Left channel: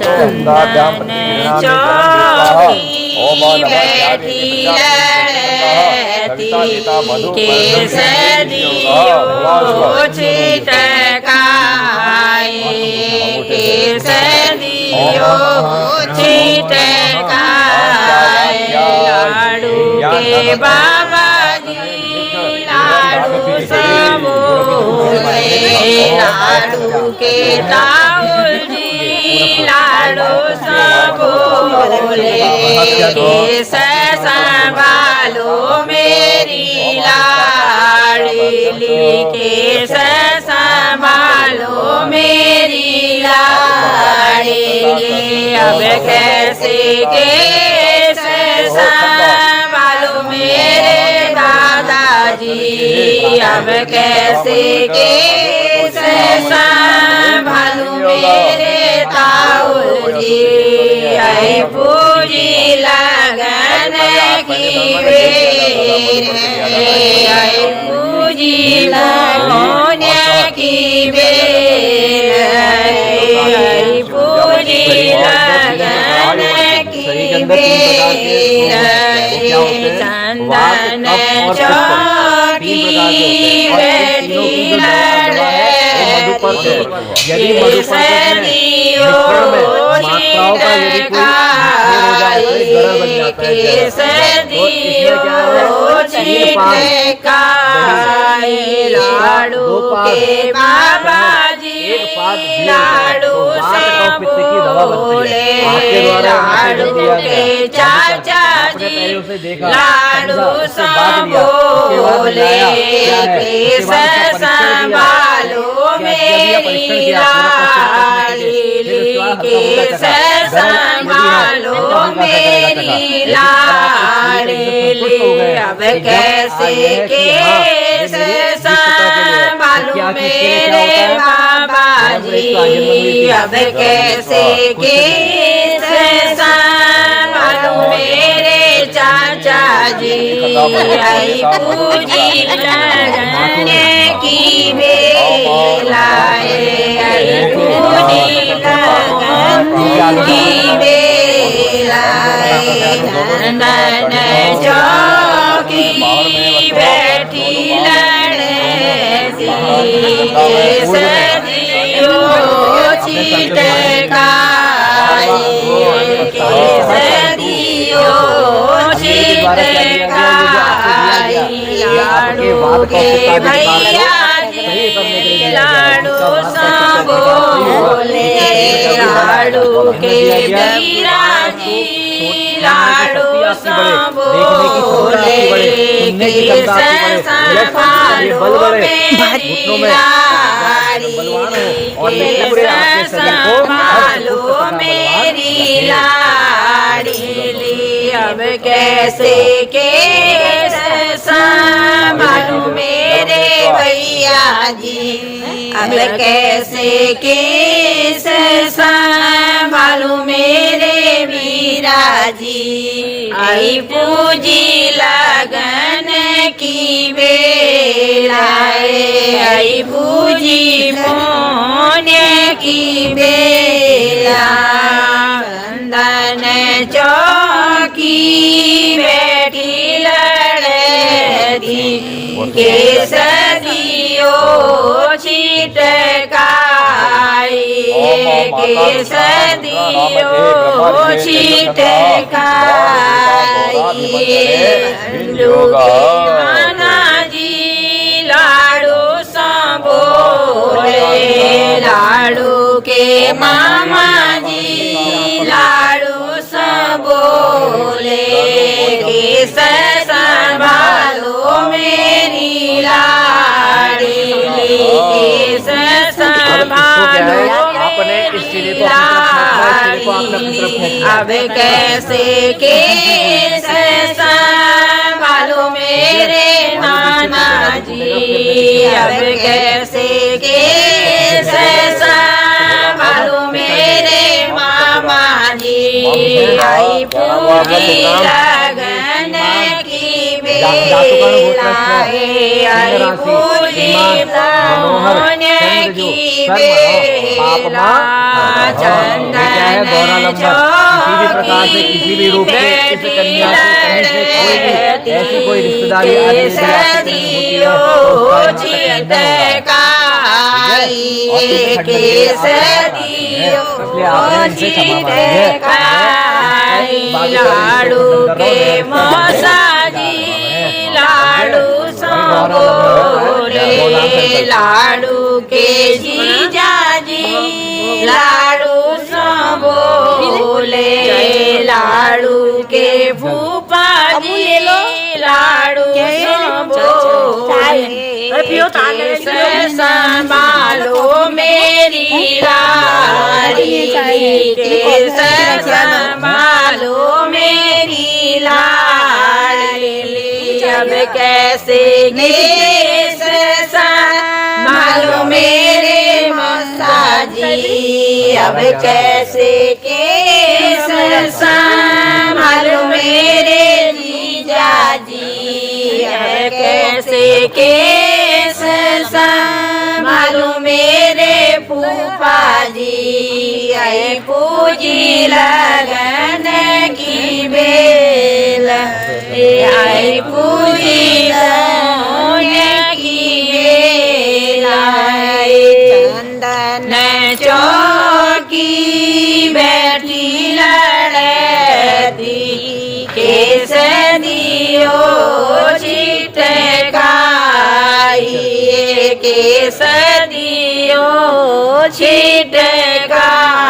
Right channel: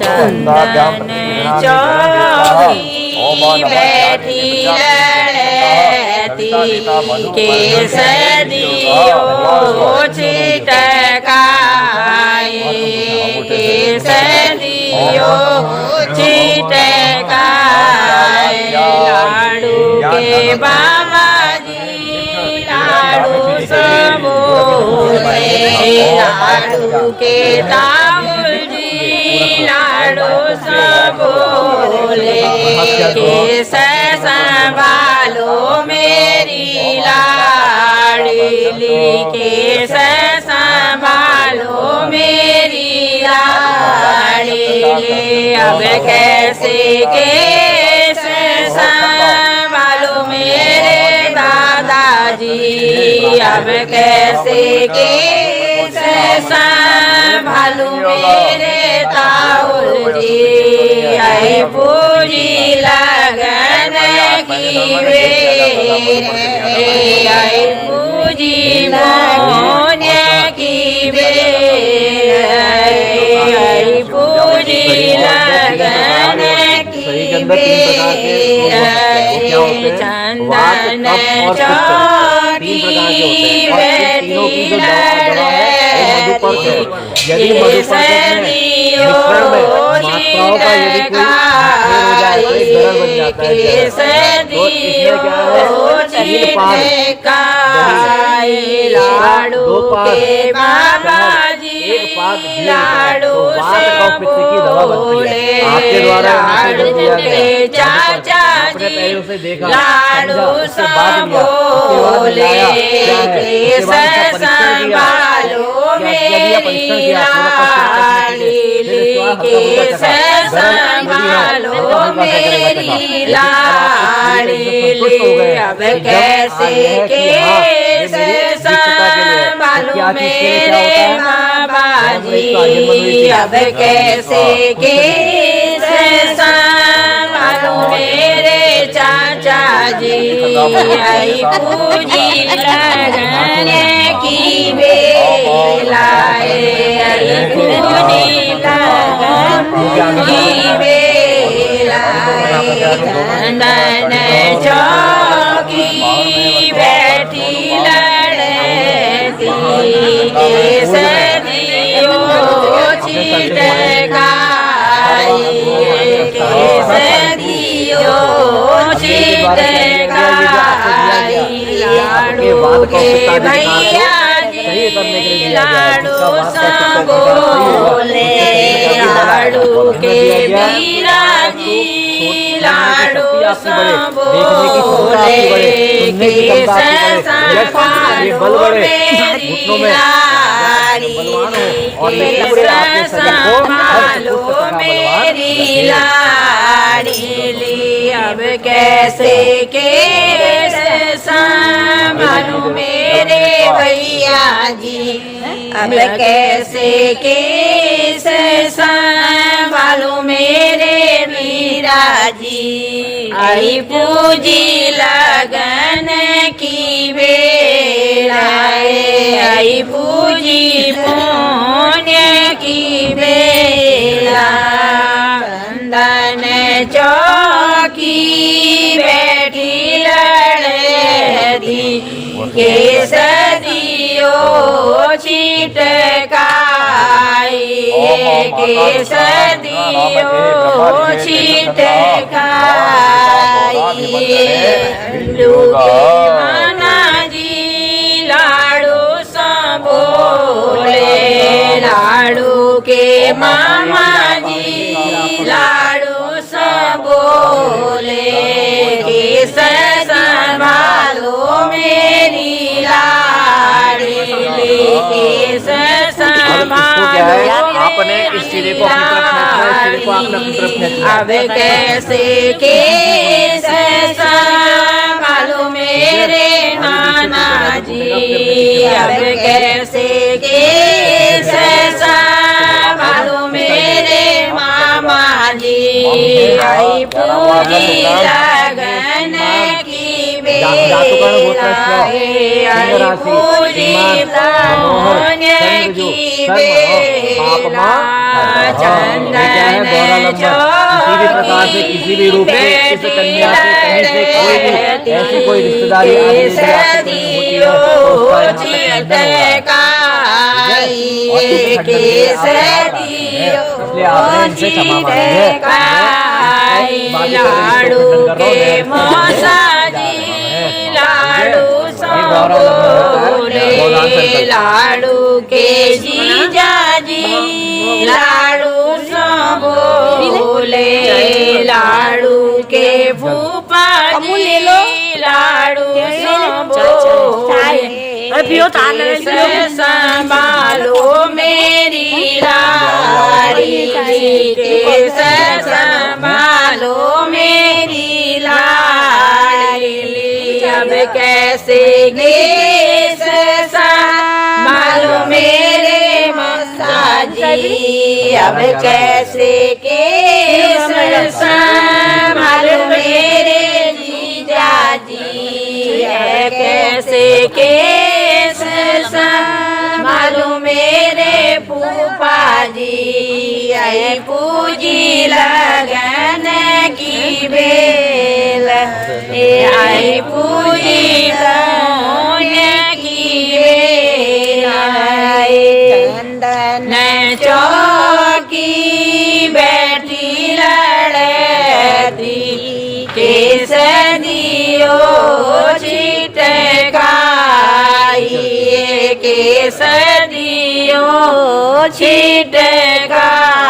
चंदन चौकी बैठी लड़ती केसरियो छिटकाए केसरियो छिटकाए लाडू के बाबा जी लाडू सबो लाडू के ताऊल जी लाडू सबोले केस संभालो मेरी लाडली केस संभालो मेरी लाडली अब कैसे केस संभालो मेरे दादाजी अब कैसे केस संभालो मेरे ताऊल जी आई पूजी लगन की बेर आई पूजी मोन्य की बेर आई पूजी लगन की बेर चंदन चौकी बैठी केसरियो छिटकाए लाडू के बाबा जी लाडू सबोले लाडू के चाचा जी लाडू सबोले केस संभालो मेरी लाडली केस संभालो मेरी लाडली अब कैसे केस संभालो मेरे बाबा जी अब कैसे केस संभालो मेरे चाचा जी आई पूजी लगन की बेलाए आई पूजी की बेला चंदन चौकी बैठी लड़ती केसरियो छिटकाए केसरियो छिटकाए लाडू के भैया लाडू सबोले लाडू के वीरा जी लाडू सबोले केस संभालो मेरी केस संभालो मेरी लाडली अब कैसे केस संभालो मेरे भैया जी अब कैसे केस संभालो मेरे वीरा जी आई पूजी लगन की बेला आई पूजी पुण्य की बेला चंदन चौकी बैठी लड़ती केसरियो छिटकाए केसरियो छिटकाए लूके माना जी लाडू सबोले लाडू के मामा जी लाडू सबोले केस संभालो मेरी लाडली केस संभालो मेरी लाडली अब कैसे केस संभालो मेरे नाना जी अब कैसे केस संभालो मेरे मामा जी आई पूरी लगन की जातुकर्ण गोत्रस्य आई पूजी पुण्य की बेला चंदन किसी भी प्रकार से किसी भी रूप से इस कन्या से कहीं से कोई भी ऐसी कोई रिश्तेदारी इसलिए आपने इनसे क्षमा मांगी है। लाडू के मौसाजी लाडू बोले लाडू के जीजाजी लाडू बोले लाडू के फूफा जी लाडू बोले संभालो मेरी लाड़ी कैसे संभालो मेरी लाड़ी अब कैसे संभालो मेरे मसाजी अब कैसे संभालो मेरे जीजाजी अब कैसे संभालो मेरे फूफा जी आई पूजी लगन की बेल आई पूजी पुण्य की बेला चंदन चौकी बैठी लड़ती केस दियो छिटकाई केस दियो छिटकाई